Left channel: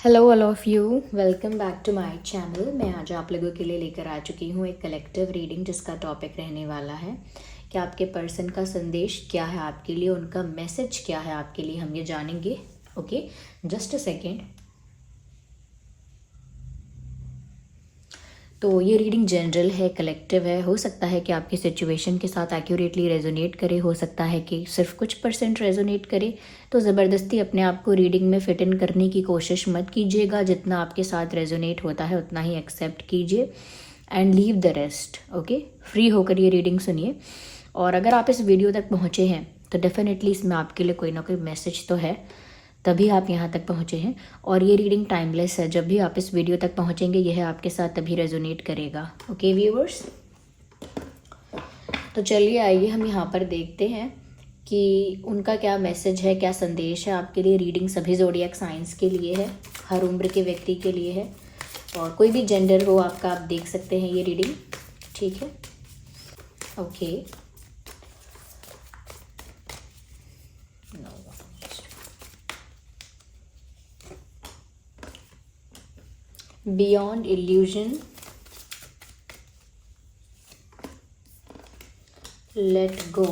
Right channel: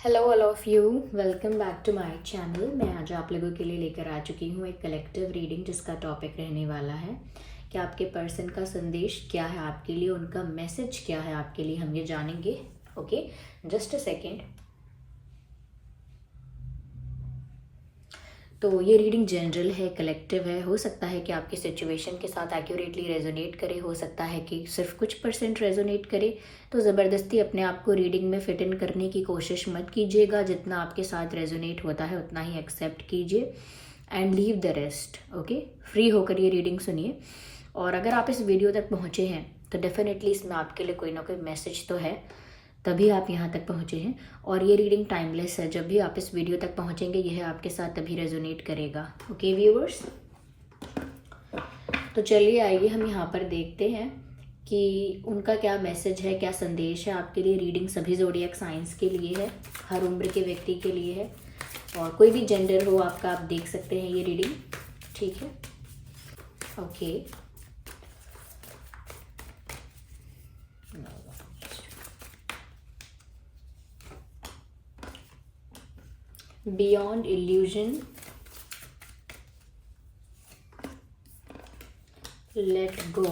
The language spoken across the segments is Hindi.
Hello all of you, welcome back to my channel. मैं आज आप लोगों के लिए लेकर आ चुकी हूँ एक कलेक्टिव रीडिंग जिसका टॉपिक रहने वाला है कि आपके पर्सन का संदेश क्या है आपके लिए, उनका मैसेज क्या है आपके लिए, हम ये जानेंगे। Okay, just a second. तो ये रीडिंग जनरल है, कलेक्टिव है। हो सकता है कि आपकी सिचुएशन के साथ एक्यूरेटली रेजोनेट करे, हो सकता है कि सिर्फ कुछ परसेंट रेजोनेट करे। तो ज़बरदस्ती अपने आप को रीडिंग में फिट इन करने की कोशिश मत कीजिएगा। जितना आपके साथ रेजोनेट होता है उतना ही एक्सेप्ट कीजिए and leave the rest. Okay, free होकर ये रीडिंग सुनिए। और अगर आप इस वीडियो तक पहुँचे हैं तो डेफिनेटली इसमें आपके लिए कोई ना कोई मैसेज तो है, तभी आप यहाँ तक पहुँचे हैं। और ये रीडिंग टाइमलेस है, जब भी आप इस वीडियो तक पहुँचेंगे यह आपके साथ तभी रेजोनेट करेगा। ओके व्यूअर्स, तो चलिए आइए हम यहाँ पर देखते हैं कि उनका क्या मैसेज है, क्या संदेश है आपके लिए। रीडिंग सभी ज़ोडिएक साइंस के लिए है, हर उम्र के व्यक्ति के लिए है, और कोई भी जेंडर हो आपका, आप देख सकते हैं ये रीडिंग। ठीक है, okay. Beyond illusion, let go,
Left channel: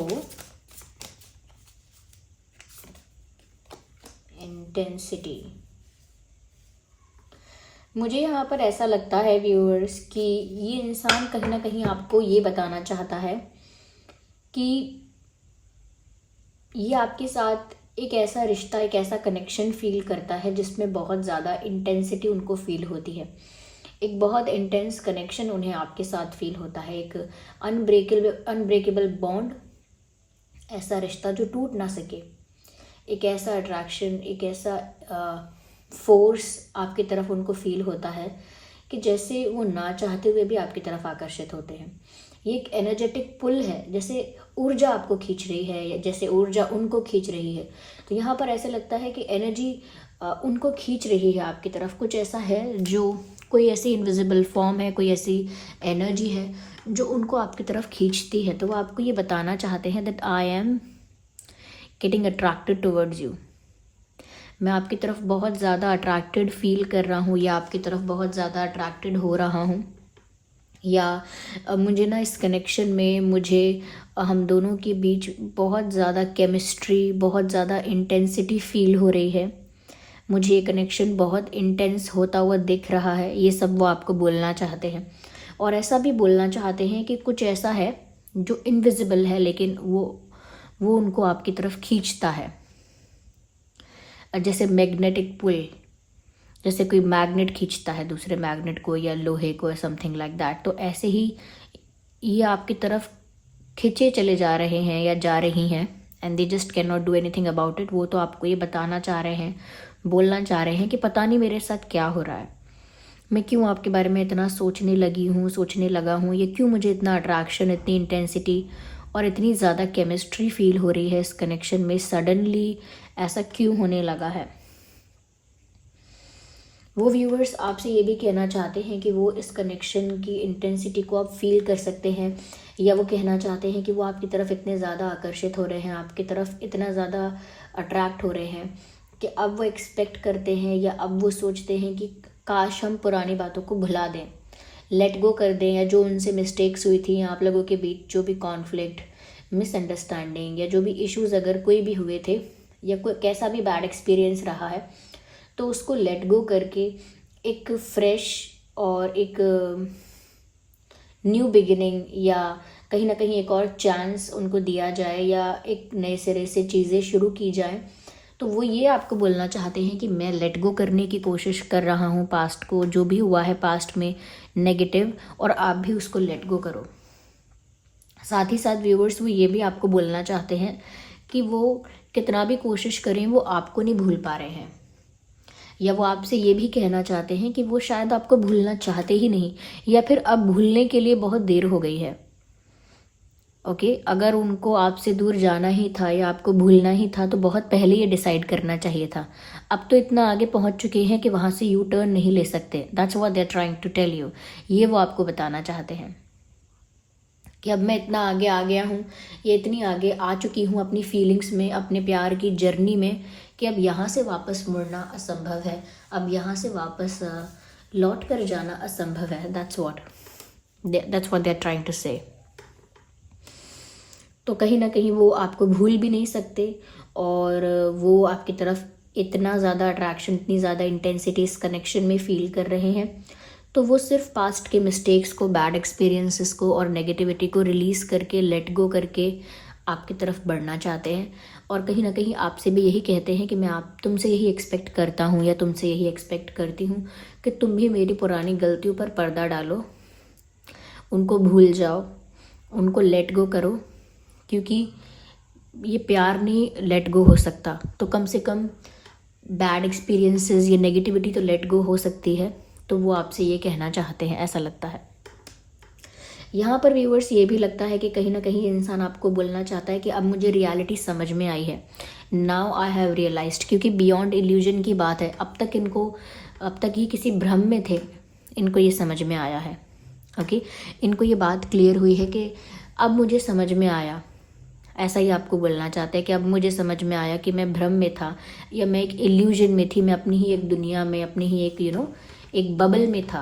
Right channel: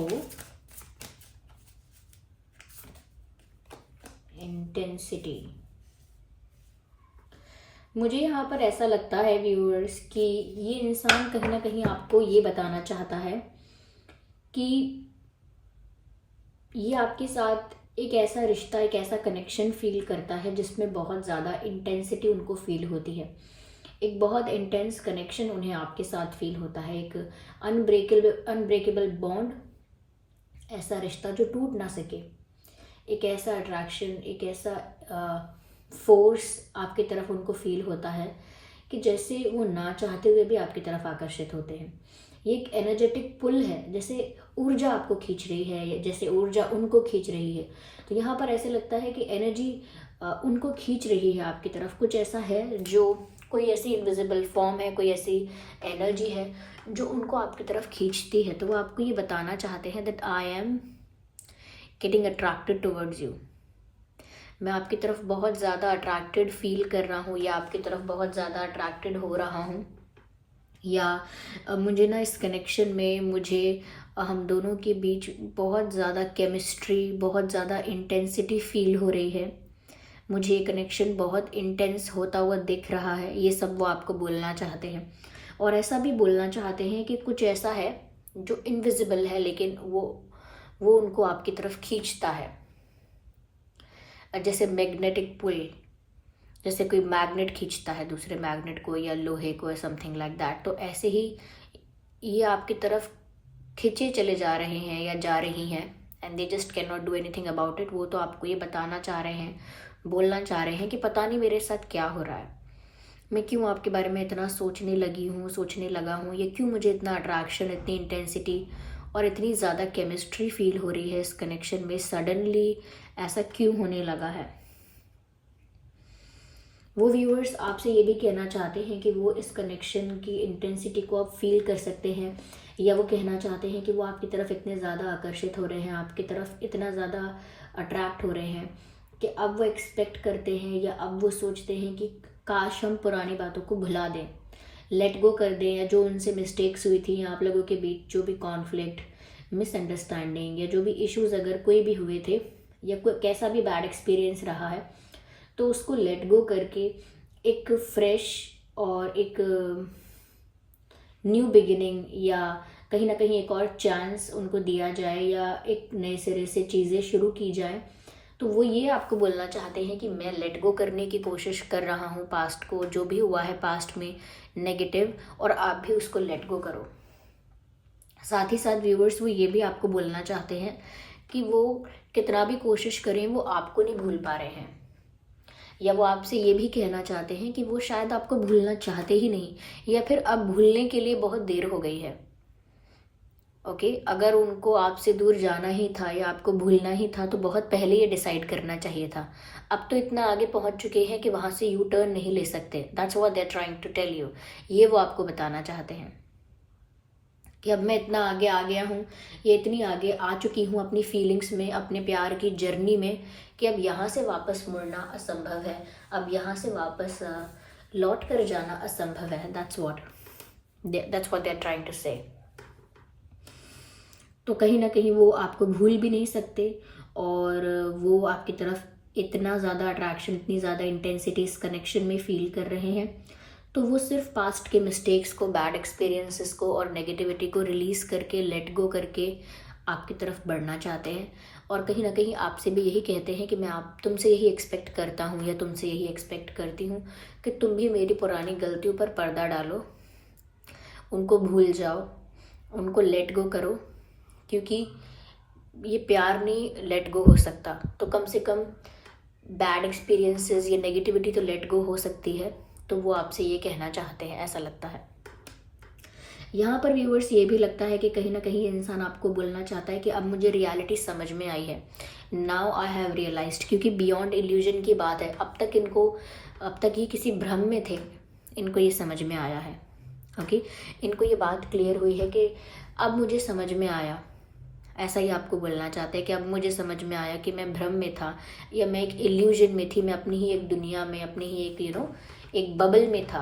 intensity. मुझे यहाँ पर ऐसा लगता है व्यूअर्स कि ये इंसान कहीं ना कहीं आपको ये बताना चाहता है कि ये आपके साथ एक ऐसा रिश्ता, एक ऐसा कनेक्शन फील करता है जिसमें बहुत ज़्यादा इंटेंसिटी उनको फील होती है। एक बहुत इंटेंस कनेक्शन उन्हें आपके साथ फील होता है, एक अनब्रेकेबल बॉन्ड, ऐसा रिश्ता जो टूट ना सके। एक ऐसा अट्रैक्शन, एक ऐसा फोर्स आपकी तरफ उनको फील होता है कि जैसे वो ना चाहते हुए भी आपकी तरफ आकर्षित होते हैं। ये एक एनर्जेटिक पुल है, जैसे ऊर्जा आपको खींच रही है या जैसे ऊर्जा उनको खींच रही है। तो यहाँ पर ऐसे लगता है कि एनर्जी उनको खींच रही है आपकी तरफ। कुछ ऐसा है जो, कोई ऐसी इनविजिबल फॉर्म है, कोई ऐसी एनर्जी है जो उनको आपकी तरफ खींचती है। तो वो आपको ये बताना चाहते हैं that I am getting attracted towards you. मैं आपकी तरफ बहुत ज़्यादा अट्रैक्टेड फील कर रहा हूँ, या आपकी तरफ बहुत ज़्यादा अट्रैक्टेड हो रहा हूँ, या मुझे ना इस कनेक्शन में, मुझे हम दोनों के बीच बहुत ज़्यादा केमिस्ट्री, बहुत ज़्यादा इंटेंसिटी फील हो रही है। मुझे ये कनेक्शन बहुत इंटेंस होता हुआ दिख रहा है। ये सब वो आपको बोलना चाहते हैं। और ऐसा भी बोलना चाहते हैं कि कुछ ऐसा है जो इनविजिबल है, लेकिन वो उनको आपकी तरफ खींचता है, जैसे मैग्नेटिक पुल, जैसे कोई मैग्नेट खींचता है दूसरे मैग्नेट को या लोहे को, समथिंग लाइक दैट। तो ऐसे ही ये आपकी तरफ खींचे चले जा रहे हैं या जा रही हैं, and they just can not do anything about it. वो तो आपको ये बताना चाह रहे हैं, बोलना चाह रहे हैं कि पता नहीं मेरे साथ क्या हो रहा है, मैं क्यों आपके बारे में इतना सोचने लगी हूँ, सोचने लगा हूँ, ये क्यों मुझे इतना अट्रैक्शन, इतनी इंटेंसिटी और इतनी ज़्यादा केमिस्ट्री फील हो रही है इस कनेक्शन में, सडनली ऐसा क्यों होने लगा है। वो व्यूअर्स आपसे ये भी कहना चाहते हैं कि वो इस कनेक्शन की इंटेंसिटी को आप फील कर सकते हैं, या वो कहना चाहते हैं कि वो आपकी तरफ इतने ज़्यादा आकर्षित हो रहे हैं, आपकी तरफ इतना ज़्यादा अट्रैक्ट हो रहे हैं कि अब वो एक्सपेक्ट करते हैं, या अब वो सोचते हैं कि काश हम पुरानी बातों को भुला दें, लेट गो कर दें, या जो उनसे मिस्टेक्स हुई थी, आप लोगों के बीच जो भी कॉन्फ्लिक्ट, मिसअंडरस्टैंडिंग या जो भी इश्यूज़ अगर कोई भी हुए थे, या कोई कैसा भी बैड एक्सपीरियंस रहा है, तो उसको लेट गो करके एक फ्रेश और एक न्यू बिगिनिंग, या कहीं ना कहीं एक और चांस उनको दिया जाए, या एक नए सिरे से चीज़ें शुरू की जाए। तो वो ये आपको बोलना चाहते हैं कि मैं लेट गो करने की कोशिश कर रहा हूँ पास्ट को, जो भी हुआ है पास्ट में नेगेटिव, और आप भी उसको लेट गो करो। साथ ही साथ व्यूवर्स वो ये भी आपको बोलना चाहते हैं कि वो कितना भी कोशिश करें, वो आपको नहीं भूल पा रहे हैं, या वो आपसे ये भी कहना चाहते हैं कि वो शायद आपको भूलना चाहते ही नहीं, या फिर अब भूलने के लिए बहुत देर हो गई है। ओके, अगर उनको आपसे दूर जाना ही था या आपको भूलना ही था तो बहुत पहले ये डिसाइड करना चाहिए था। अब तो इतना आगे पहुंच चुके हैं कि वहां से यू टर्न नहीं ले सकते। That's what they are trying to tell you. ये वो आपको बताना चाहते हैं कि अब मैं इतना आगे आ गया हूँ, ये इतनी आगे आ चुकी हूँ अपनी फीलिंग्स में, अपने प्यार की जर्नी में, कि अब यहाँ से वापस मुड़ना असंभव है, अब यहाँ से वापस लौट कर जाना असंभव है। That's what they are trying to say. तो कहीं ना कहीं वो आपको भूल भी नहीं सकते, और वो आपकी तरफ इतना ज़्यादा अट्रैक्शन, इतनी ज़्यादा इंटेंसिटी इस कनेक्शन में फील कर रहे हैं, तो वो सिर्फ पास्ट के मिस्टेक्स को, बैड एक्सपीरियंसेस को और नेगेटिविटी को रिलीज़ करके, लेट गो करके आपकी तरफ बढ़ना चाहते हैं। और कहीं ना कहीं आपसे भी यही कहते हैं कि मैं तुमसे यही एक्सपेक्ट करता हूँ या तुमसे यही एक्सपेक्ट करती हूँ कि तुम भी मेरी पुरानी गलतियों पर पर्दा डालो, उनको भूल जाओ, उनको लेट गो करो, क्योंकि ये प्यार नहीं लेट गो हो सकता, तो कम से कम बैड एक्सपीरियंसेस, ये नेगेटिविटी तो लेट गो हो सकती है। तो वो आपसे ये कहना चाहते हैं, ऐसा लगता है। यहाँ पर व्यूवर्स ये भी लगता है कि कहीं ना कहीं इंसान आपको बोलना चाहता है कि अब मुझे रियलिटी समझ में आई है, नाउ आई हैव रियलाइज्ड, क्योंकि बियॉन्ड इल्यूजन की बात है। अब तक ये किसी भ्रम में थे, इनको ये समझ में आया है। ओके, इनको ये बात क्लियर हुई है कि अब मुझे समझ में आया। ऐसा ही आपको बोलना चाहते हैं कि अब मुझे समझ में आया कि मैं भ्रम में था, या मैं एक इल्यूजन में थी, मैं अपनी ही एक दुनिया में, अपनी ही एक एक बबल में था,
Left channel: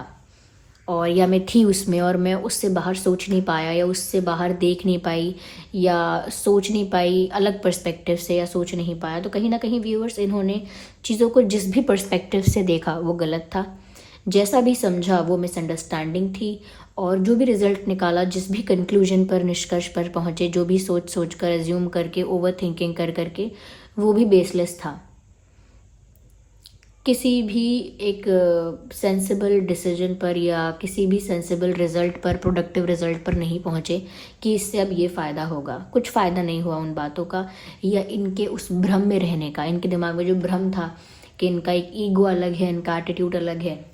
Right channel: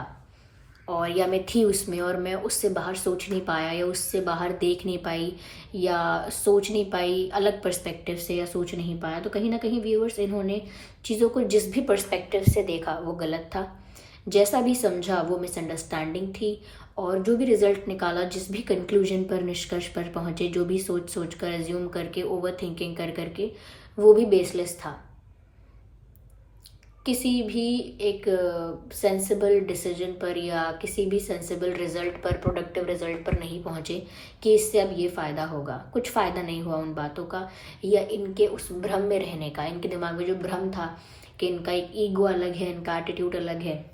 और या मैं थी उसमें, और मैं उससे बाहर सोच नहीं पाया, या उससे बाहर देख नहीं पाई, या सोच नहीं पाई अलग पर्सपेक्टिव से, या सोच नहीं पाया। तो कहीं ना कहीं व्यूअर्स, इन्होंने चीज़ों को जिस भी पर्सपेक्टिव से देखा वो गलत था, जैसा भी समझा वो मिसअंडरस्टैंडिंग थी, और जो भी रिजल्ट निकाला, जिस भी कंक्लूजन पर, निष्कर्ष पर पहुँचे, जो भी सोच कर, एज्यूम करके, ओवर थिंकिंग करके, वो भी बेसलेस था। किसी भी एक सेंसिबल डिसीजन पर या किसी भी सेंसिबल रिजल्ट पर, प्रोडक्टिव रिजल्ट पर नहीं पहुँचे कि इससे अब ये फ़ायदा होगा। कुछ फ़ायदा नहीं हुआ उन बातों का, या इनके उस भ्रम में रहने का। इनके दिमाग में जो भ्रम था कि इनका एक ईगो अलग है, इनका एटीट्यूड अलग है,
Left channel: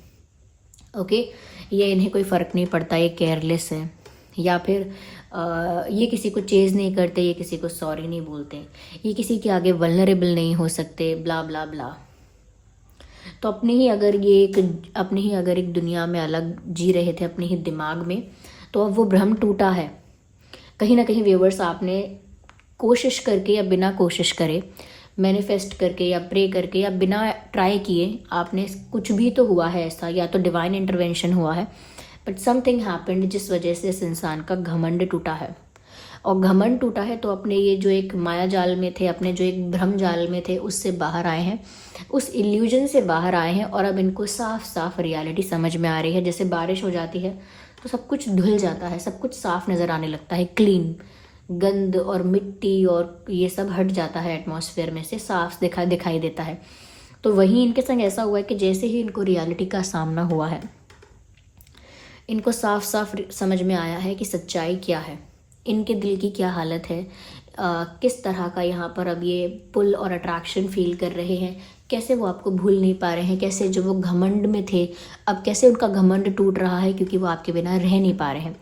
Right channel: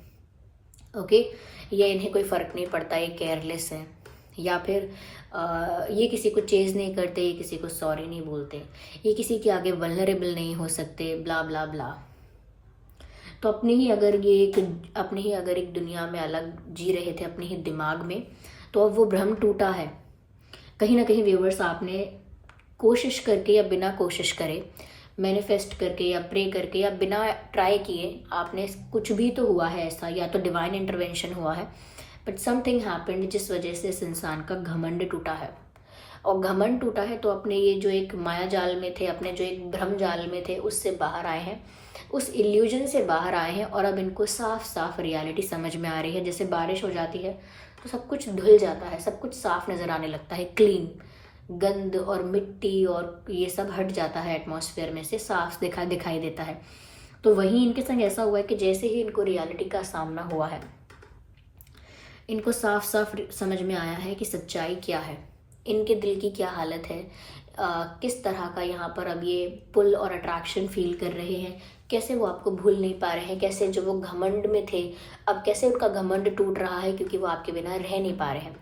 ओके, ये इन्हें कोई फ़र्क नहीं पड़ता, ये केयरलेस है, या फिर ये किसी को चेज़ नहीं करते, ये किसी को सॉरी नहीं बोलते, ये किसी के आगे वल्नरेबल नहीं हो सकते, ब्ला ब्ला ब्ला। तो अपनी ही अगर एक दुनिया में अलग जी रहे थे, अपने ही दिमाग में, तो अब वो भ्रम टूटा है। कहीं ना कहीं व्यूवर्स, आपने कोशिश करके या बिना कोशिश करे, मैनिफेस्ट करके या प्रे करके या बिना ट्राई किए, आपने कुछ भी तो हुआ है ऐसा, या तो डिवाइन इंटरवेंशन हुआ है, बट समथिंग हैपेंड जिस वजह से इस इंसान का घमंड टूटा है। और घमंड टूटा है तो अपने ये जो एक माया जाल में थे, अपने जो एक भ्रम जाल में थे, उससे बाहर आए हैं, उस इल्यूजन से बाहर आए हैं, और अब इनको साफ साफ रियलिटी समझ में आ रही है। जैसे बारिश हो जाती है तो सब कुछ धुल जाता है, सब कुछ साफ नज़र आने लगता है, क्लीन, गंद और मिट्टी और ये सब हट जाता है एटमॉस्फेयर में से, साफ दिखाई देता है। तो वहीं इनके संग ऐसा हुआ है कि जैसे ही इनको रियलिटी का सामना हुआ है, इनको साफ साफ समझ में आया है कि सच्चाई क्या है, इनके दिल की क्या हालत है, किस तरह का यहाँ पर अब ये पुल और अट्रैक्शन फील कर रहे हैं, कैसे वो आपको भूल नहीं पा रहे हैं, कैसे जो वो घमंड में थे अब कैसे उनका घमंड टूट रहा है क्योंकि वो आपके बिना रह नहीं पा रहे हैं।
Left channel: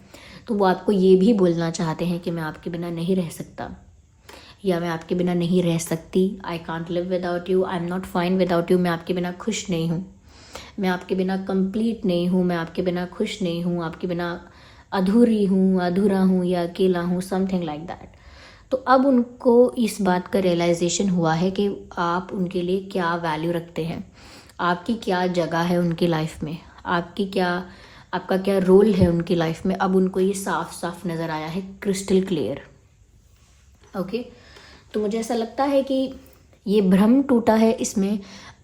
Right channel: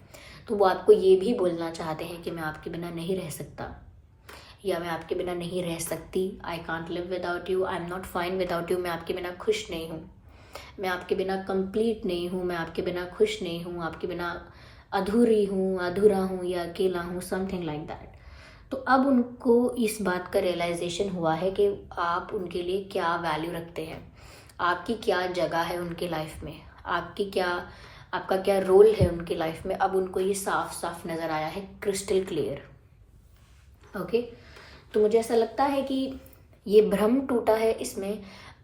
तो वो आपको ये भी बोलना चाहते हैं कि मैं आपके बिना नहीं रह सकता, या मैं आपके बिना नहीं रह सकती, I can't live without you, I am not fine without you, मैं आपके बिना खुश नहीं हूँ, मैं आपके बिना कंप्लीट नहीं हूँ, मैं आपके बिना खुश नहीं हूँ, आपके बिना अधूरी हूँ, अधूरा हूँ या अकेला हूँ, समथिंग लाइक दैट। तो अब उनको इस बात का रियलाइजेशन हुआ है कि आप उनके लिए क्या वैल्यू रखते हैं, आपकी क्या जगह है उनकी लाइफ में, आपका क्या रोल है उनकी लाइफ में। अब उनको ये साफ साफ नज़र आया है, क्रिस्टल क्लियर। ओके, तो मुझे ऐसा लगता है कि ये भ्रम टूटा है, इसमें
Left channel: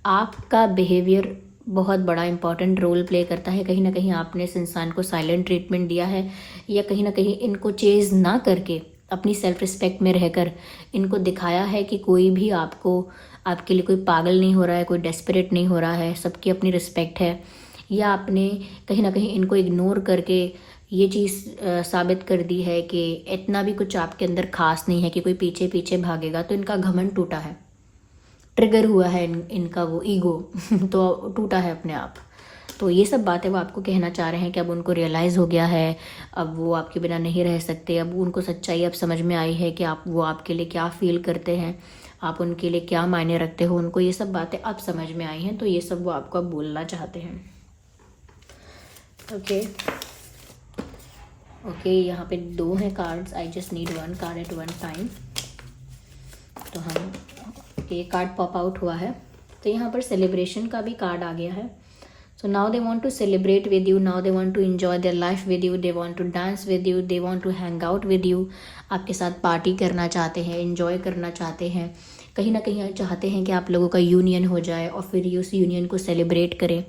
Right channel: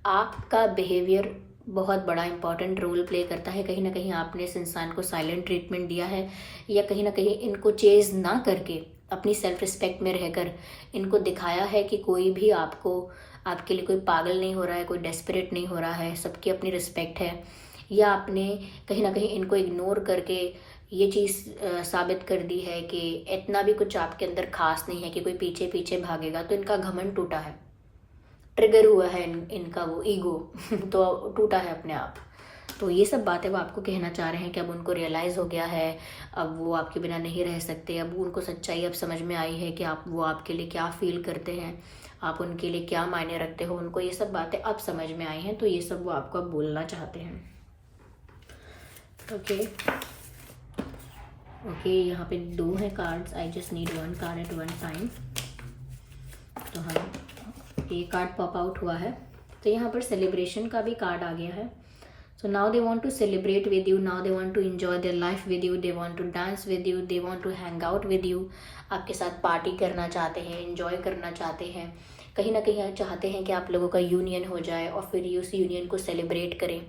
आपका बिहेवियर बहुत बड़ा इंपॉर्टेंट रोल प्ले करता है। कहीं ना कहीं आपने इस इंसान को साइलेंट ट्रीटमेंट दिया है, या कहीं ना कहीं इनको चेज़ ना करके अपनी सेल्फ रिस्पेक्ट में रहकर इनको दिखाया है कि कोई भी आपके लिए कोई पागल नहीं हो रहा है, कोई डेस्परेट नहीं हो रहा है, सबकी अपनी रिस्पेक्ट है। या आपने कहीं ना कहीं इनको इग्नोर करके ये चीज़ साबित कर दी है कि इतना भी कुछ आपके अंदर खास नहीं है कि कोई पीछे पीछे भागेगा। तो इनका घमंड टूटा है, ट्रिगर हुआ है इनका वो ईगो तो टूटा है अपने आप। तो ये सब बातें वो आपको कहना चाह रहे हैं कि अब उनको रियलाइज़ हो गया है, अब वो आपके बिना नहीं रह सकते, अब उनको सच्चाई अब समझ में आई है कि वो आपके लिए क्या फील करते हैं, आप उनके लिए क्या मायने रखते हो, उनको ये सब बातें अब समझ में आई हैं। तो ये सब वो आपको अब बोलना चाहते हैं। ओके, यहाँ पे 2 हैं cards, I just need 1 card at 1 time. तो हम ओके, ये कार्ड पॉप आउट हुआ है। तो यहाँ पर सेलिब्रेशन का भी कार्ड आ गया है। So now they want to celebrate with you, now they want to enjoy their life with you, they want to dance with you, they want to hang out with you. आपके साथ पार्टी करना चाहते हैं, एंजॉय करना चाहते हैं, कहीं ना कहीं चाहते हैं कि आप लोगों का यूनियन हो जाए और फिर उस यूनियन को सेलिब्रेट करें।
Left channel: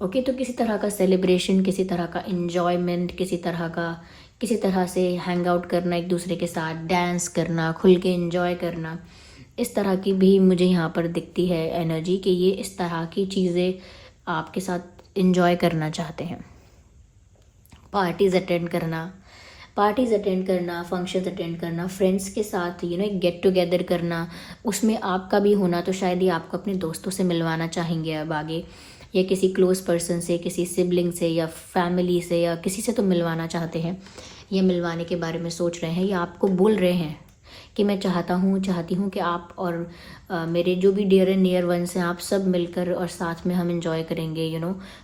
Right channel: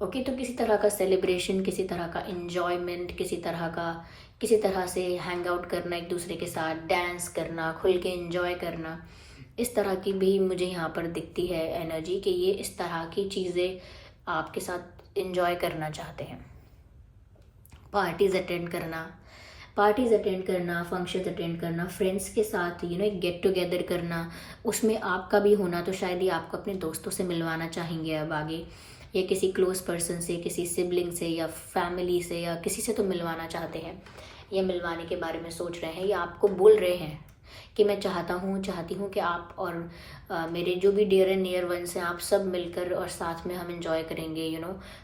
ओके, तो किसी तरह का सेलिब्रेशन, किसी तरह का एंजॉयमेंट, किसी तरह से हैंग आउट करना, एक दूसरे के साथ डांस करना, खुल के एंजॉय करना, इस तरह की भी मुझे यहाँ पर दिखती है एनर्जी कि ये इस तरह की चीज़ें आपके साथ एंजॉय करना चाहते हैं। पार्टीज़ अटेंड करना, फंक्शंस अटेंड करना, फ्रेंड्स के साथ एक गेट टुगेदर करना, उसमें आपका भी होना। तो शायद ये आपको अपने दोस्तों से मिलवाना चाहेंगे अब आगे, या किसी क्लोज पर्सन से, किसी सिबलिंग से या फैमिली से या किसी से तो मिलवाना चाहते हैं, या मिलवाने के बारे में सोच रहे हैं, या आपको बोल रहे हैं कि मैं चाहती हूँ कि आप और मेरे जो भी डियर एंड नियर वंस हैं, आप सब मिलकर और साथ में हम एंजॉय करेंगे।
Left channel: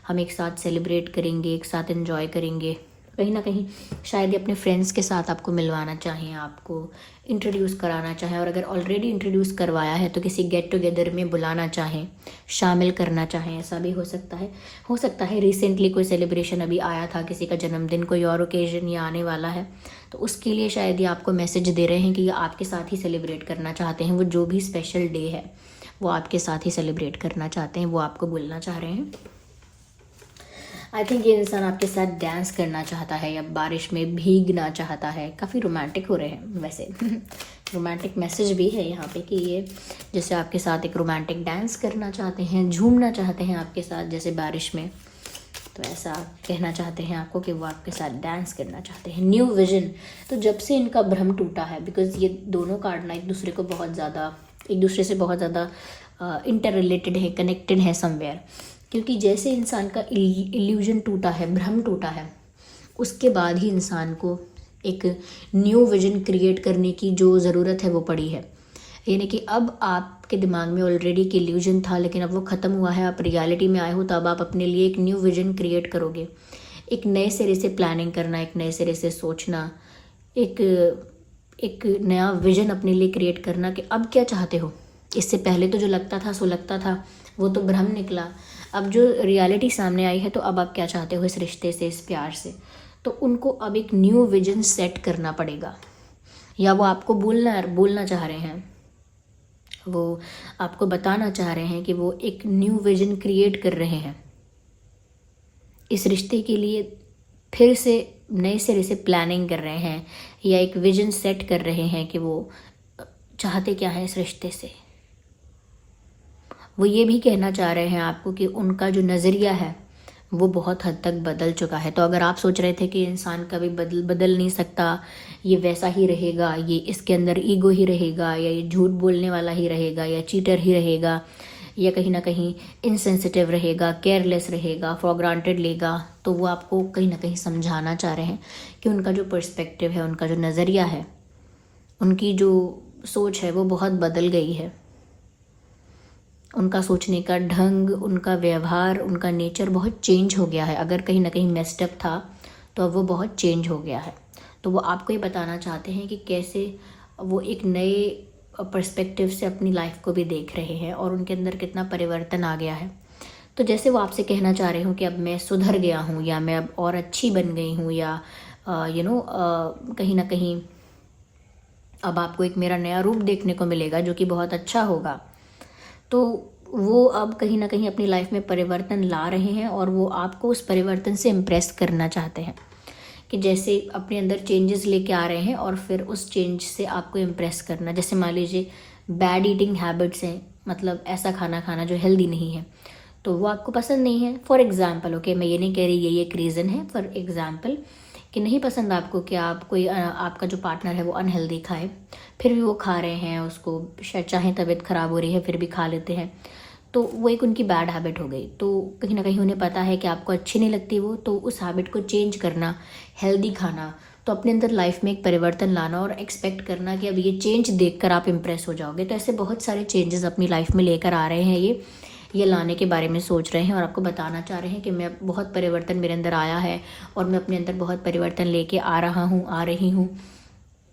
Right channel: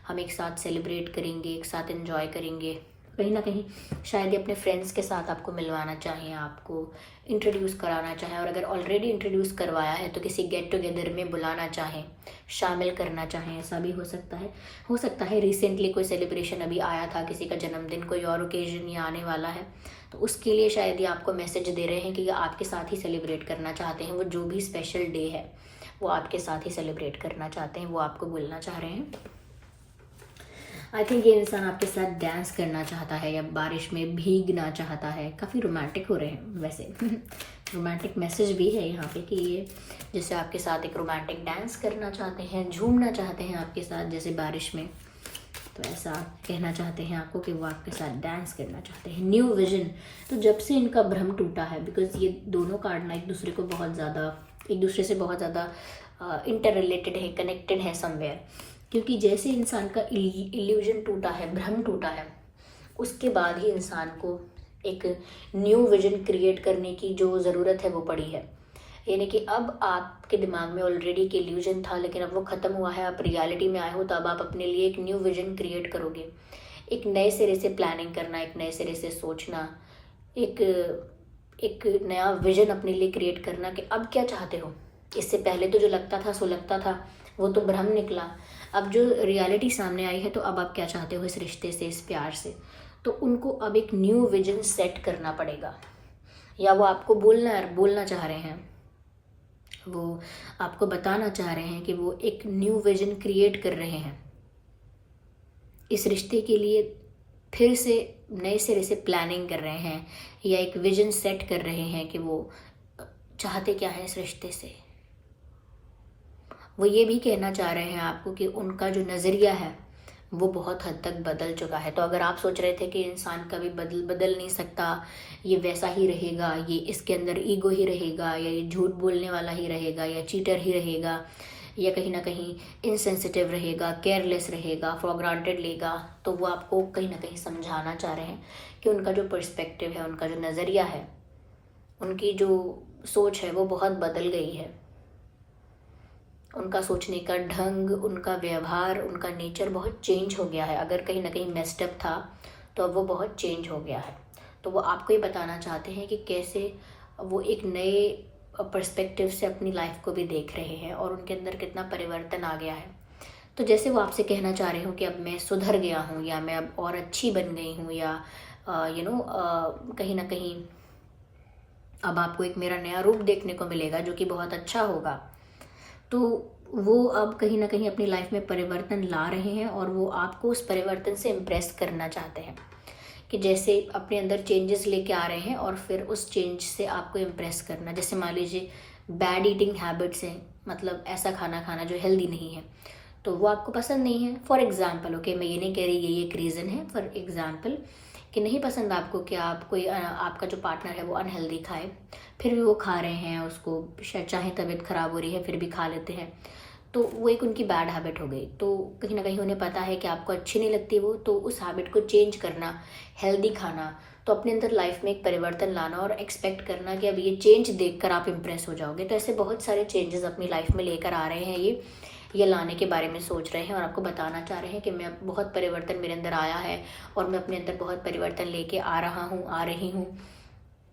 हम एक साथ सेलिब्रेट करेंगे, एक साथ एंजॉय करेंगे। कहीं ना कहीं शायद ये अपने फ्रेंड्स के साथ आपको मिलवाना चाहें, आपको इंट्रोड्यूस कराना चाहें, और अगर ऑलरेडी इंट्रोड्यूस करवाया है तो किसी गेट टुगेदर में बुलाना चाहें, शामिल करना चाहें, ऐसा भी हो सकता है। रिसेंटली कोई सेलिब्रेशन अभी आया था, किसी का जन्मदिन, कोई और ओकेजन या आने वाला है, तो उसके लिए शायद ये आपको मैसेज दे रहे हैं कि ये आपके साथ ही सेलिब्रेट करना चाहते हैं। वो जो भी स्पेशल डे है वो आपके साथ ही सेलिब्रेट करना चाहते हैं, वो आपको बोलना चाह रहे हैं। आई थिंक ये इंसान आपके साथ डांस करना चाहता है या बारिश में भीगना चाहता है। काफ़ी रोमांटिक हो रहे हैं वैसे रोमांटिक मैसेज भी है यहाँ पे कि ये जैसे आपके साथ एक रोमांटिक डांस करना चाहते हैं, झूमना चाहते हैं आपके साथ जैसे बारिश में। तो ऐसा कहना चाहते हैं आपको कि वो आपके साथ डांस करना चाहते हैं। न्यू विजन, तो जब से इनका भ्रम टूटा है, बिकॉज ये दोनों कार्ड ना एक दूसरे से बहुत ज़्यादा इंटर रिलेटेड है, कनेक्टेड है समवेयर। क्योंकि जैसे इंसान का इल्यूजन टूटा है, भ्रम टूटा है, उसके बाद ही इंसान को एक न्यू विजन क्रिएट करने की जो ज़रूरत है वो पड़ी है। यानी कि अब आपके दिमाग में ऑलरेडी एक इल्यूजन था, लेकिन अब वो ख़त्म हुआ है, आप रियलिटी में आए हो, तो अब आप अपने लिए एक न्यू विजन क्रिएट करोगे। एक नए सिरे से प्लानिंग करना, एक नए सिरे से सोचना, एक नया विजन अपने लिए क्रिएट करना कि अब क्या चाहते हो। इससे पहले तो जो लगता था वो तो भ्रम निकला। अब जो रियलिटी सामने आई है, तो अब आप क्या चाहते हो इस रिश्ते से, इस प्यार से। तो उनको अब एक न्यू विजन सेट करना पड़ेगा, या वो आपको बोलना चाह रहे हैं, वो आपको बताना चाह रहे हैं कि वो एक न्यू विजन क्रिएट कर रहे हैं इस रिश्ते के लिए। फिर से नए सिरे से प्लानिंग कर रहे हैं, या एक विजन सेट कर रहे हैं कि वो चाहते क्या है इस रिश्ते से। वो ये भी कहना चाह रहे हैं आपको कि उनका जो नज़रिया है वो बहुत हद तक बदल चुका है। तो अगर आप सोच रहे थे कि इंसान कभी बदल नहीं सकता, ये वैसा ही रहेगा, ये इसके अंदर ईगो ही रहेगा, या ये झूठ बोलने वाला ही रहेगा, या चीटर ही रहेगा, या कहीं ना कहीं इनसेंसिटिव रहेगा, केयरलेस रहेगा, फॉर ग्रांटेड लेगा, तो वो आपको कहीं ना कहीं समझाना चाह रहे हैं कि उनका जो पर्सपेक्टिव है, उनका जो नज़रिया है, उनकी जो सोच है वो बहुत बदल गई है। उनका सोचने का ढंग, उनका व्यवहार, उनका नेचर बहुत चेंज हो गया है। अगर कहीं ना कहीं मेस्ड अप था तो अब वो बहुत चेंज हो गया है। तो वो आपको ये बताना चाहते हैं कि कैसे वो एक नए पर्सपेक्टिव से अपनी लाइफ को भी देख रहे हैं और उनके अंदर कितना परिवर्तन आ गया है। तो जैसे वो आपसे कहना चाह रहे हो कि अब मैं सुधर गया हूँ, या मैं अब और अच्छी बन गई हूँ, या कहीं ना कहीं अब आपको एक मेरा नया रूप देखने को मिलेगा जो कि बहुत अच्छा होगा। तो वो अब कहीं ना कहीं अपनी लाइफ में परिवर्तन ला रहे हैं, और वो आपको उस परिवर्तन से इम्प्रेस करना चाहते हैं कि जैसे अपने अंदर चेंजेस लेके आ रहे हैं और फिर उस चेंज से आपको इम्प्रेस करना। जैसे मान लीजिए बैड ईटिंग हैबिट्स हैं, मतलब ऐसा खाना खाना जो हेल्दी नहीं है, तो वो आपको पसंद नहीं है। फॉर एग्जाम्पल, ओके, मैं ये नहीं कह रही ये एक रीज़न है, फॉर एग्जाम्पल कि नहीं पसंद आपको कि आप कोई आपका जो पार्टनर है वो अनहेल्दी खाए, फिर भी वो खा रहे हैं, उसको शायद चाहे तबीयत ख़राब हो रही है फिर भी खा लेते हैं, तो वो एक उनकी बैड हैबिट हो गई। तो कहीं ना कहीं उन्हें पता है कि आपको अच्छी नहीं लगती वो, तो उस हैबिट को चेंज करना, हेल्दी खाना, तो अपने अंदर लाइफ में एक परिवर्तन लाना और एक्सपेक्ट करना कि अब ये चेंज देखकर आप इम्प्रेस हो जाओगे। तो ऐसे बहुत सारे चेंजेस अपनी लाइफ में लेकर आ रहे हैं, ये लाने के बारे में सोच रहे हैं और आपको बताना चाह रहे हैं कि मैं बहुत परिवर्तन मेरे अंदर आया है और मैं अपने अंदर बहुत परिवर्तन लेके आ रही हूँ।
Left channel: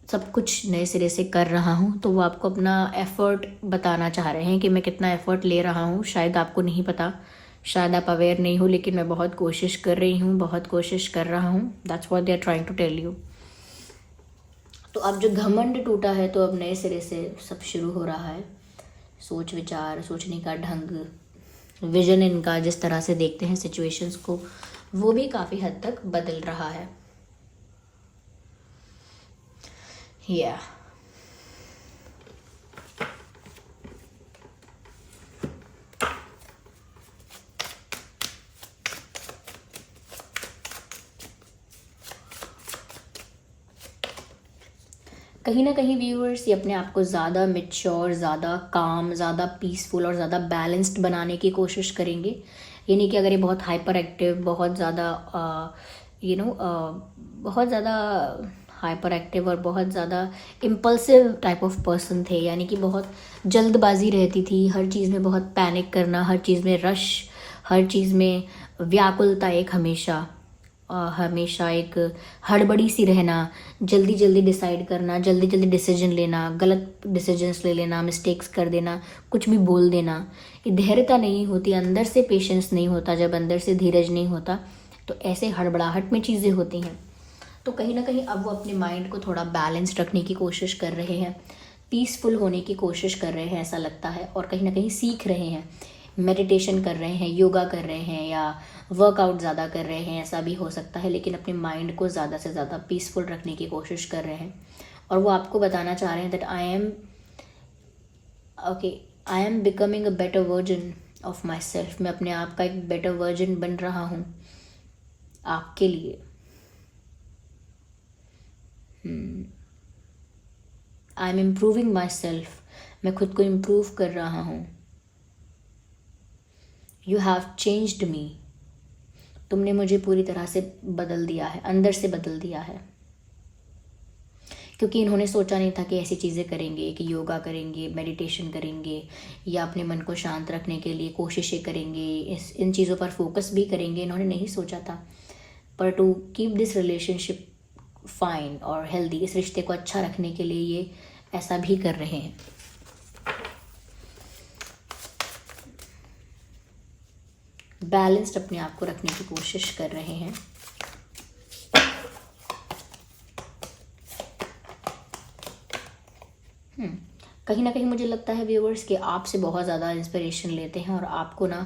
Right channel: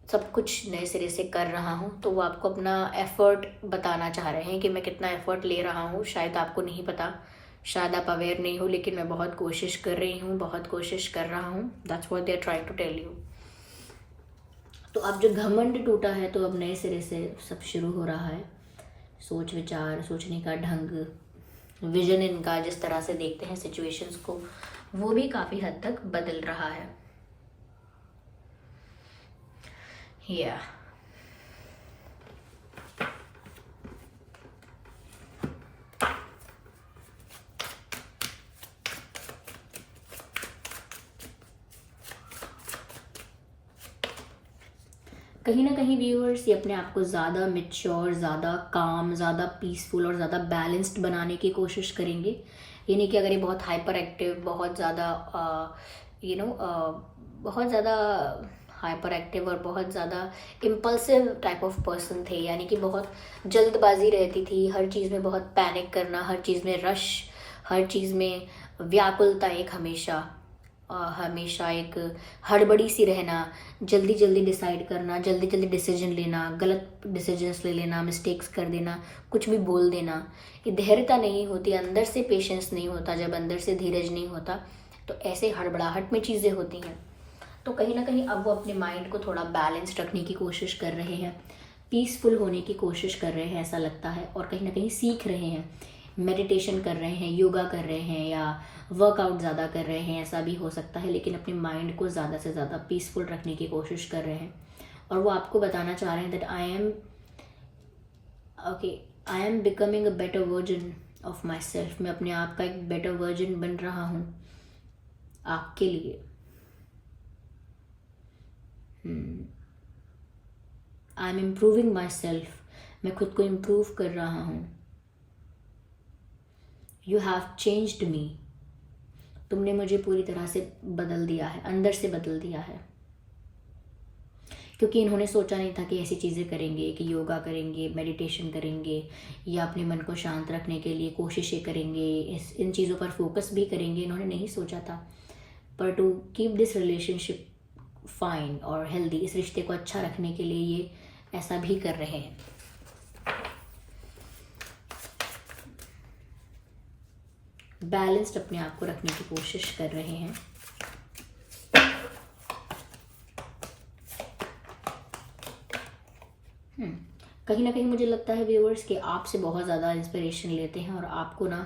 सब कुछ नए सिरे से कर रहा हूँ, तो वो आपको अपना एफ़र्ट बताना चाह रहे हैं कि मैं कितना एफ़र्ट ले रहा हूँ। शायद आपको नहीं पता, शायद आप अवेयर नहीं हो, लेकिन मैं बहुत कोशिश कर रही हूँ, बहुत कोशिश कर रहा हूँ। That's what they are trying to tell you. तो अब जो घमंड टूटा है, तो अब नए सिरे से सब शुरू हो रहा है। सोच विचार, सोचने का ढंग, विजन इनका, जिस तरह से देखते हैं सिचुएशंस को, वो भी काफ़ी हद तक बदल रहा है। या कहीं ना कहीं व्यूअर्स ये अपने आप को ज़्यादा मेच्योर, ज़्यादा काम, ज़्यादा पीसफुल और ज़्यादा बैलेंस्ड बनाने की कोशिश करेंगे। ये नहीं कि अगर ये बहुत हाइपर एक्टिव, बहुत ज़्यादा बहुत ज़्यादा हाइपर एक्टिव और बहुत ज़्यादा इम्पल्सिव टाइप ऑफ पर्सन थे, यानी कि बहुत जल्दबाजी रहती थी, हर चीज़ में बहुत पैनिक करना, हर चीज़ में रश, हर चीज़ में व्याकुलता, एक हमेशा एक हड़बड़ी सी रहना, जल्दी जल्दी डिसाइड करना, जल्दी जल्दी डिसीजन लेना, गलत डिसीजंस ले लेना, मिस्टेक्स कर देना, कुछ भी बोल देना। ये धैर्यता नहीं होती, अंदर से पेशेंस नहीं होता, जब अंदर से धीरज नहीं होता तो ऐसे हड़बड़ाहट में चीज़ें होती हैं। तो कहीं ना कहीं अब वो अपने माइंड को थोड़ा बैलेंस रखने की कोशिश कर रहे हैं, पीसफुल होने की कोशिश कर रहे हैं, ऐसा लगता है। और कहीं ना कहीं सीख रहे हैं, मेडिटेशन कर रहे हैं, योगा कर रहे हैं, या वर्कआउट ज़्यादा कर रहे हैं, ऐसा भी हो सकता है। लेकिन अपने माइंड को ज़्यादा से ज़्यादा पीसफुल रखने की कोशिश कर रहे हैं। और वो आपको बताना चाह रहे हैं that I am becoming a better version of my self. मैं अपने आप का एक बेटर वर्जन बन रहा हूँ आपके लिए। I am improving my self. मैं खुद को इम्प्रूव कर रहा हूँ। You have changed me. तुमने मुझे पूरी तरह से बदल दिया है, अंदर से बदल दिया है। क्योंकि इन्होंने सोचा नहीं था कि ऐसी चीज़ें करेंगे, कि योगा करेंगे, मेडिटेशन करेंगे, या अपने मन को शांत रखने के लिए कोशिशें करेंगे, इन चीज़ों पर फोकस भी करेंगे। इन्होंने नहीं सोचा था। पर to keep this relationship fine और हेल्दी, इस रिश्ते को अच्छा रखने के लिए ये ऐसा भी कर रहे हैं। बैलेंस्ड अपने आप को रखने की कोशिश कर रहे हैं। कहीं ना कहीं मुझे लगता है व्यूअर्स कि आपसे बहुत ज़्यादा इंस्पिरेशन लेते हैं और आपको ना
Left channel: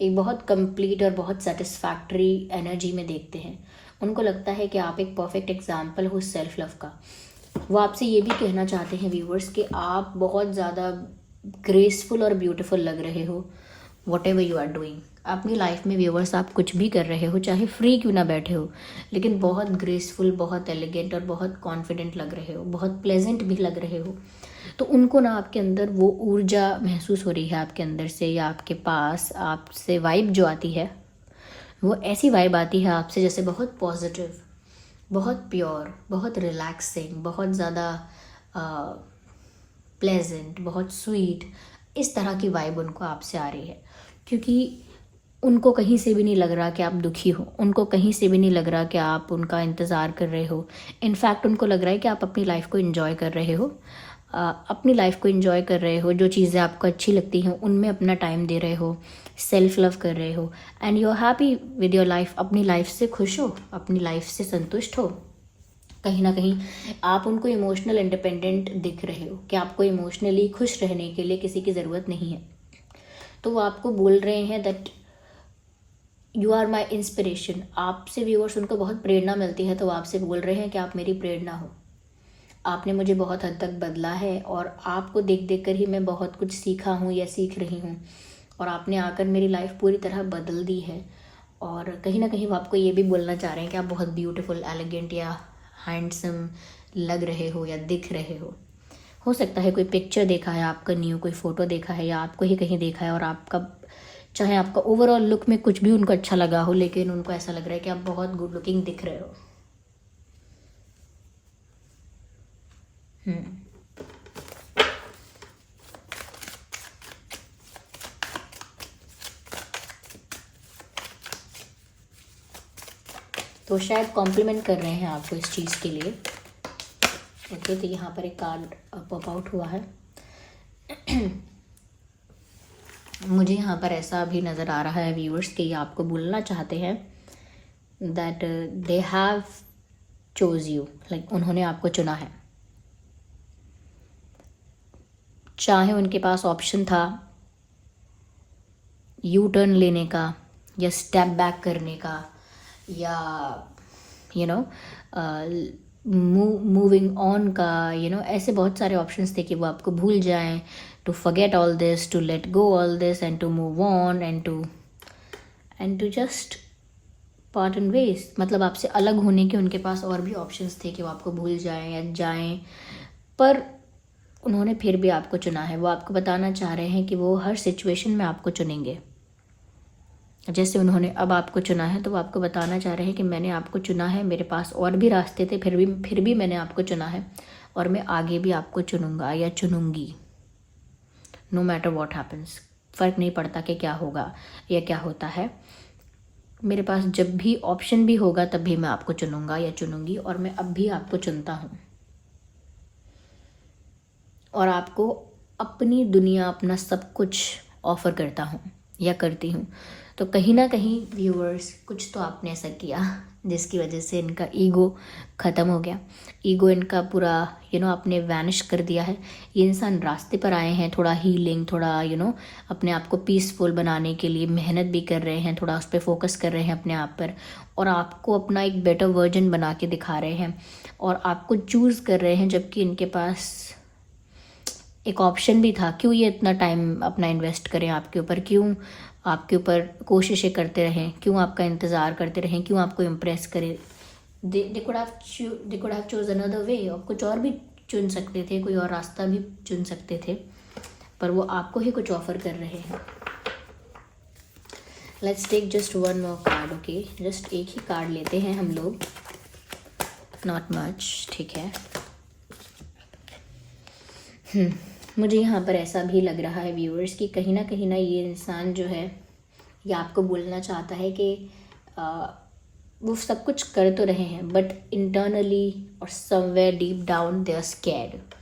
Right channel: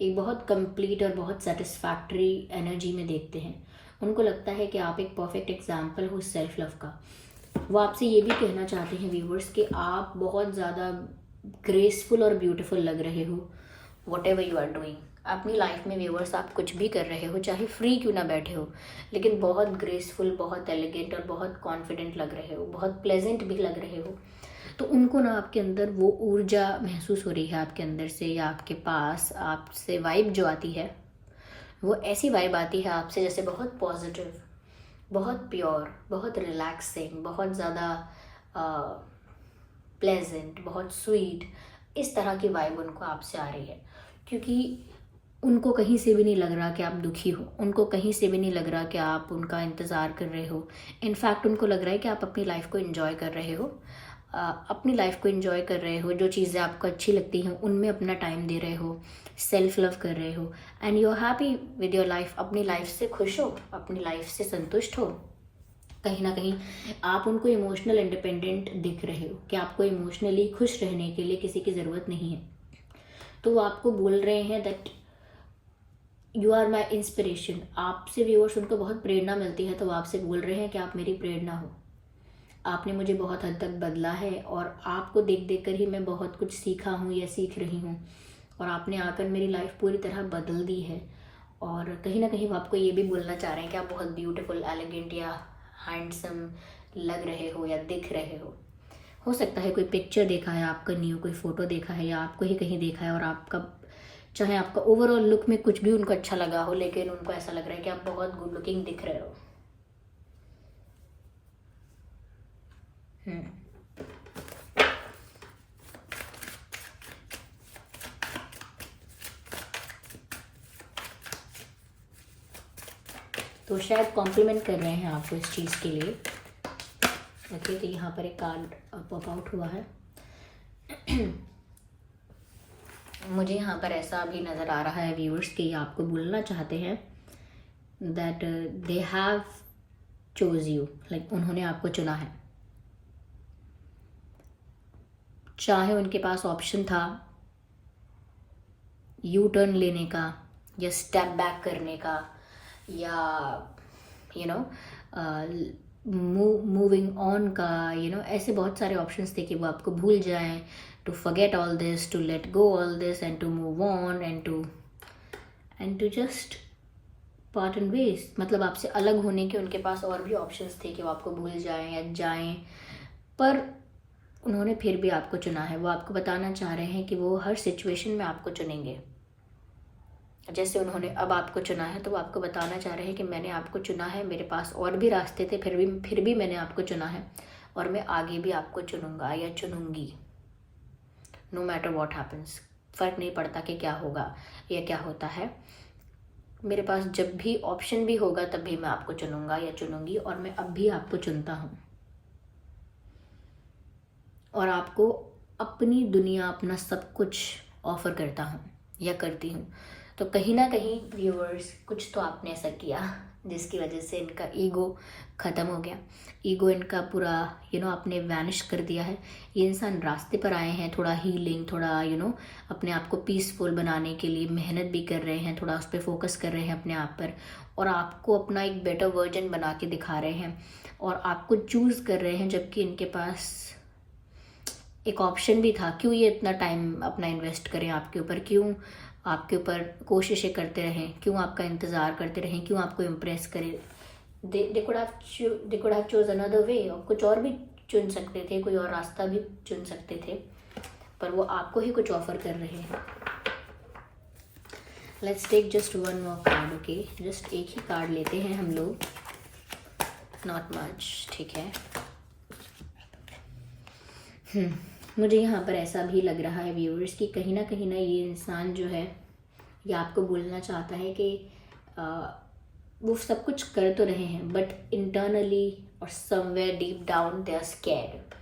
एक बहुत कंप्लीट और बहुत सेटिस्फैक्ट्री एनर्जी में देखते हैं। उनको लगता है कि आप एक परफेक्ट एग्जाम्पल हो सेल्फ लव का। वो आपसे ये भी कहना चाहते हैं व्यूअर्स कि आप बहुत ज़्यादा ग्रेसफुल और ब्यूटीफुल लग रहे हो whatever you are doing. अपनी लाइफ में व्यूअर्स आप कुछ भी कर रहे हो, चाहे फ्री क्यों ना बैठे हो, लेकिन बहुत ग्रेसफुल, बहुत एलिगेंट और बहुत कॉन्फिडेंट लग रहे हो, बहुत प्लेजेंट भी लग रहे हो। तो उनको ना आपके अंदर वो ऊर्जा महसूस हो रही है आपके अंदर से, या आपके पास आपसे वाइब जो आती है, वो ऐसी वाइब आती है आपसे जैसे बहुत पॉजिटिव, बहुत प्योर, बहुत रिलैक्सिंग, बहुत ज़्यादा प्लेजेंट, बहुत स्वीट, इस तरह की वाइब उनको आपसे आ रही है। क्योंकि उनको कहीं से भी नहीं लग रहा कि आप दुखी हो, उनको कहीं से भी नहीं लग रहा कि आप उनका इंतज़ार कर रहे हो। इनफैक्ट उनको लग रहा है कि आप अपनी लाइफ को एंजॉय कर रहे हो, अपनी लाइफ को एंजॉय कर रहे हो, जो चीज़ें आपको अच्छी लगती हैं उनमें अपना टाइम दे रहे हो, सेल्फ लव कर रहे हो, and you are happy with your life. अपनी लाइफ से खुश हो, अपनी लाइफ से संतुष्ट हो। कहीं ना कहीं आप उनको इमोशनल इंडिपेंडेंट दिख रहे हो कि आपको इमोशनली खुश रहने के लिए किसी की ज़रूरत नहीं है। तो वो आपको बोल रहे हैं that you are my inspiration. आपसे व्यूअर्स उनको बहुत प्रेरणा मिलती है, तो वो आपसे बोल रहे हैं कि आप मेरी प्रेरणा हो। आपने मुझे बहुत हद तक बदला है और आपको देख देख कर ही मैं बहुत कुछ सीखा हूँ या सीख रही हूँ, और आपने आकर मेरी लाइफ पूरी तरह बदल दी है। और कहीं ना कहीं वो आपको ये भी बोलना चाह रहे हैं कि आप बहुत ब्यूटीफुल, एलिगेंट या हैंडसम लग रहे हो या दिख रहे हो सकता है कोई पिक्चर देखा है आपका न्यू, कोई फ़ोटो देखा है, या आपको ही कहीं देखा है और आपका, चाहे आपका ओवरऑल लुक में कुछ भी उनको अच्छा लगा हो, लेकिन उनको ऐसा लग रहा है कि आप बहुत गुड लुकिंग दिख रहे हो। तो शायद कॉम्प्लीमेंट कर रहे हैं आपको इस चीज़ के लिए। ओके, तो यहाँ पर एक कार्ड पॉप आउट हुआ है। मुझे यहाँ पर ऐसा भी नज़र आ रहा है व्यूअर्स कि ये आपको बोलना चाहते हैं that they have chose you, like उन्होंने आपको चुना है। चाहे उनके पास ऑप्शन था यू टर्न लेने का या स्टेप बैक करने का या यू नो मूविंग ऑन का, ऐसे बहुत सारे ऑप्शंस थे कि वो आपको भूल जाएं, to forget all this, to let go all this and to move on and to just part एंड वेज। मतलब आपसे अलग होने के उनके पास और भी ऑप्शंस थे कि वो आपको भूल जाएं या जाएं, पर उन्होंने फिर भी आपको चुना है। वो आपको बताना चाह रहे हैं कि वो हर सिचुएशन में आपको चुनेंगे। जैसे उन्होंने अब आपको चुना है तो वो आपको बताना चाह रहे हैं कि मैंने आपको चुना है, मेरे पास और भी रास्ते थे, फिर भी मैंने आपको चुना है और मैं आगे भी आपको चुनूंगा या चुनूंगी, नो मैटर व्हाट हैपन्स। फ़र्क नहीं पड़ता कि क्या होगा या क्या होता है, मेरे पास जब भी ऑप्शन भी होगा तब भी मैं आपको चुनूंगा या चुनूंगी, और मैं अब भी आपको चुनता हूँ और आपको अपनी दुनिया, अपना सब कुछ ऑफ़र करता हूँ या करती हूँ। तो कहीं ना कहीं व्यूअर्स कुछ तो आपने ऐसा किया जिसकी वजह से इनका ईगो ख़त्म हो गया। ईगो इनका पूरा आपने वैनिश कर दिया है। ये इंसान रास्ते पर आए हैं, थोड़ा हीलिंग, थोड़ा अपने आप को पीसफुल बनाने के लिए मेहनत भी कर रहे हैं, थोड़ा उस पर फोकस कर रहे हैं अपने आप पर, और आपको अपना एक बेटर वर्जन बना के दिखा रहे हैं और आपको चूज़ कर रहे हैं, जबकि इनके पास एक ऑप्शन भी था। क्यों ये इतना टाइम अपना इन्वेस्ट करें आपके ऊपर, क्यों आपके ऊपर कोशिशें करते रहें, क्यों आपका इंतज़ार करते रहें, क्यों आपको इम्प्रेस करें। They could have choose another way, और कुछ और भी चुन सकते थे, कोई और रास्ता भी चुन सकते थे, पर वो आपको ही कुछ ऑफर कर रहे हैं। Let's take just one more card. Okay, just एक ही कार्ड लेते हैं हम लोग, नॉट मच, ठीक है। मुझे यहाँ पर ऐसा भी लग रहा है व्यूअर्स कि कहीं ना ये इंसान जो है ये आपको बोलना चाहता है कि वो सब कुछ कर तो रहे हैं बट इंटरनली और somewhere deep down they are scared.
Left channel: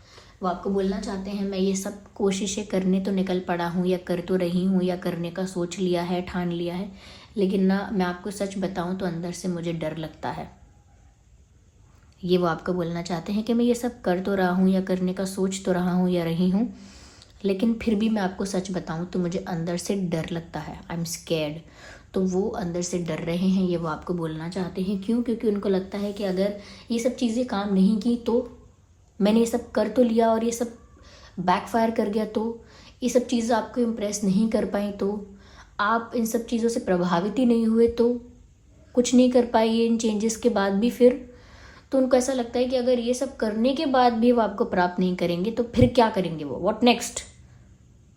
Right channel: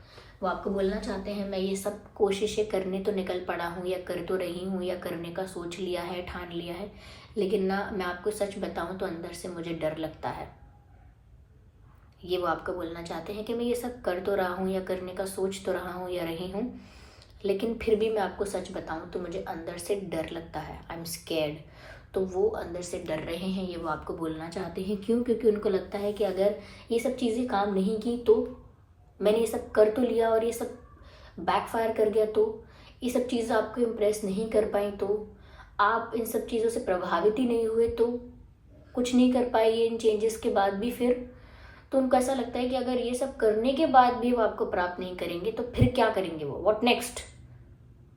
वो आपको बोलना चाहते हैं मैं ये सब कोशिशें करने तो निकल पड़ा हूँ या कर तो रही हूँ या करने का सोच लिया है, ठान लिया है, लेकिन ना मैं आपको सच बताऊँ तो अंदर से मुझे डर लगता है। ये वो आपको बोलना चाहते हैं कि मैं ये सब कर तो रहा हूँ या करने का सोच तो रहा हूँ या रही हूँ, लेकिन फिर भी मैं आपको सच बताऊँ तो मुझे अंदर से डर लगता है, आई एम स्कैर्ड। तो वो अंदर से डर रहे हैं, ये वो आपको बोलना चाहते हैं। क्यों? क्योंकि उनको लगता है कि अगर ये सब चीज़ें काम नहीं की तो, मैंने ये सब कर तो लिया और ये सब बैकफायर कर गया तो, ये सब चीज़ें आपको इम्प्रेस नहीं कर पाई तो, आप इन सब चीज़ों से प्रभावित ही नहीं हुए तो, कुछ नहीं कर पाए इन चेंजेस के बाद भी फिर, तो उनको ऐसा लगता है कि अगर ये सब करने के बाद भी वो आपको प्राप्त नहीं करेंगे तो फिर क्या करेंगे वो, व्हाट नेक्स्ट।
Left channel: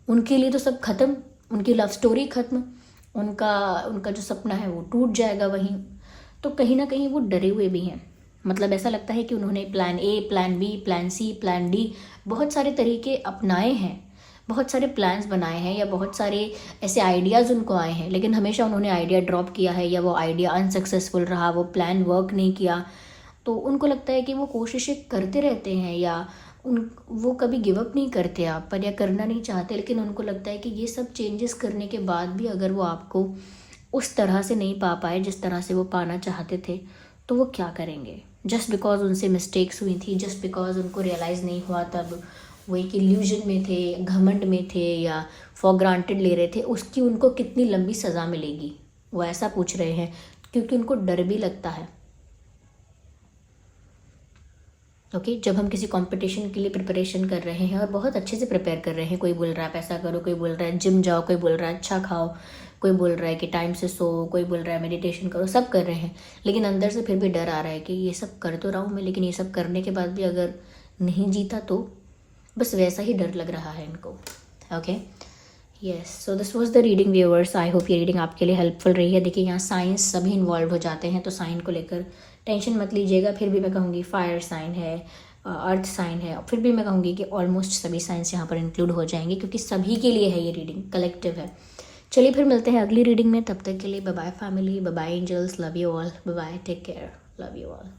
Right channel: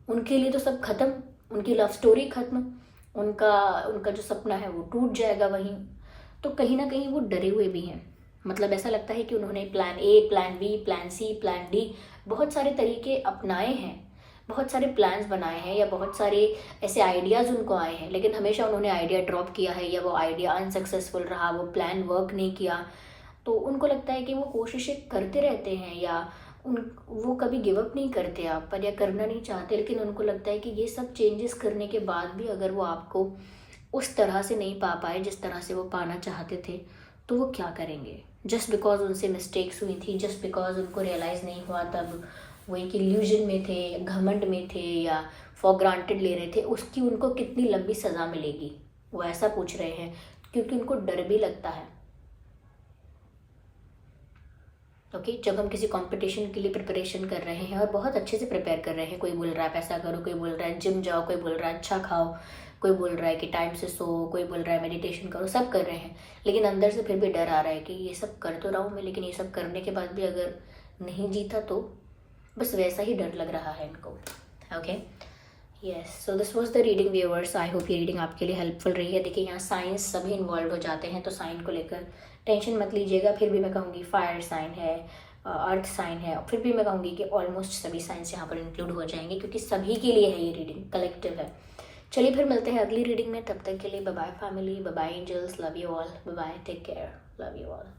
उनके लिए तो सब खत्म, उनकी लव स्टोरी खत्म, उनका जो सपना है वो टूट जाएगा वहीं। तो कहीं ना कहीं वो डरे हुए भी हैं। मतलब ऐसा लगता है कि उन्होंने plan A, plan B, plan C, plan D, बहुत सारे तरीके अपनाए हैं, बहुत सारे प्लान्स बनाए हैं या बहुत सारे ऐसे आइडियाज़ उनको आए हैं, लेकिन हमेशा उन्होंने आइडिया ड्रॉप किया है या वो आइडिया अनसक्सेसफुल रहा, वो प्लान वर्क नहीं किया। तो उनको लगता है कि वो कोशिशें करते रहते हैं या वो कभी गिव अप नहीं करते आप पर या करना नहीं चाहते, लेकिन उनको लगता है कि ये सब चेंजेस करने के बाद भी अगर वो आपको उस तरह से नहीं पा पाए जिस तरह से वो पाना चाहते थे तो वो क्या करेंगे। जस्ट बिकॉज उनसे मिस्टेक्स हुई थी, जस्ट बिकॉज उनको रियलाइज़ नहीं हुआ, तब वो एक इल्यूजन में थे, घमंड में थे या फॉर ग्रांटेड ले रहे थे, उसकी उनको कितनी लंबी सज़ा मिलेगी, वो ऐसा पूछ रहे हैं क्योंकि उनको डर भी लगता है। ओके, जब हम किसी कंपटीशन के लिए प्रिपरेशन कर रहे हैं और बहुत अच्छे से प्रिपेयर कर रहे हैं, कोई बोल रहा है पैसा करो, कोई बोल रहा है जिम जाओ, कोई बोल रहा है अच्छा खाओ, कोई बोल रहा है कि टाइम से सो, कोई बोल रहा है मेडिटेशन करो, सब कर रहे हैं, लेकिन अंदर से फिर भी डर आ रहा है कि ये सब कर तो रहा हूँ मैं, लेकिन ये सब करने के बाद भी अगर नहीं जीता तो, बस वैसा ही डर लग रहा है इनको। Okay, yes, so this was the reading viewers. I hope ये रीडिंग आपके लिए हेल्पफुल रही है। देखिए यहाँ साइंस सभी इन्वॉल्व हो जाते हैं, तो साइन को लेकर टेंशन मत लीजिएगा। फिर भी मैं कहूँगी फायर साइन है, अर्थ साइन है, फिर भी मैं कहूँगी कि ऑलमोस्ट सभी साइंस यहाँ पर इंक्लूड हो जाएंगे क्योंकि सभी के लिए है ये रीडिंग, कलेक्टिव है। चलिए फिर मिलते हैं अगली रीडिंग में, तब तक के लिए bye bye family, bye bye angels, love you all, bye bye, take care, love you all.